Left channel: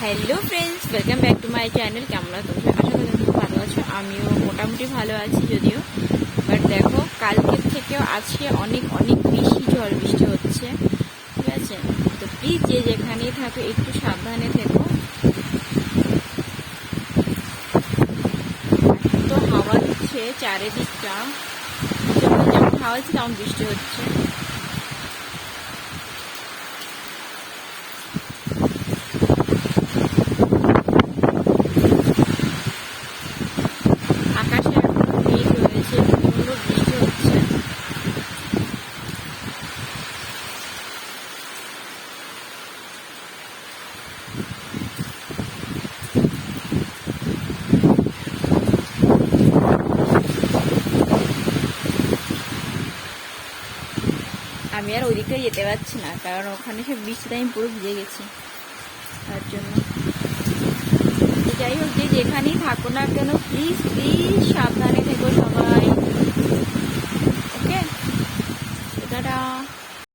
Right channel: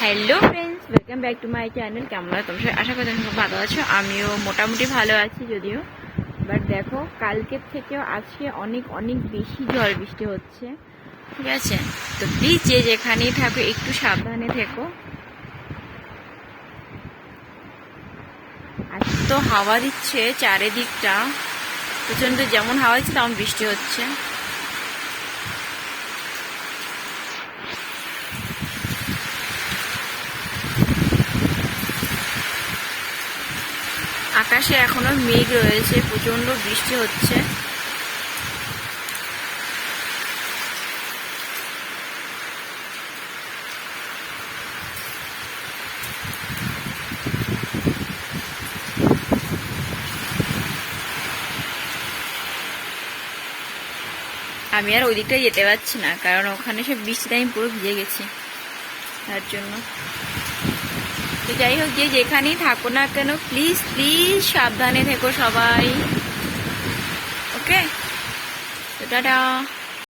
Hello friends, welcome back to my channel. কেমন আছো তোমরা? আশা করি তুমি খুব ভালো আছো। আমিও মোটামুটি ভালো আছি যদিও। বাট দেখো, কালকের থেকেও আজকে অনেক অনেক বেশি ঝড় বৃষ্টি হচ্ছে, ঠিক আছে? তো প্লিজ যে যেখানেই থাকো একটু সাবধানে থেকো। তো হাওয়া দিচ্ছে চারিদিকটা প্রচণ্ড, যেমন হাওয়া দিচ্ছে তেমন বৃষ্টি হচ্ছে। আকাশে এখনো মেঘ রয়েছে, প্রচণ্ড বৃষ্টি হচ্ছে। আমি আর ওই দিকটায় যেতে পারছি না, কারণ ওখানে সে বৃষ্টিতে আমি পুরো ভিজে গেছি, তার জন্য। তো যাই হোক, যে যেখানেই থাকো না কেন প্লিজ প্লিজ সাবধানে থেকো সবাই। ওকে, তো টাটা।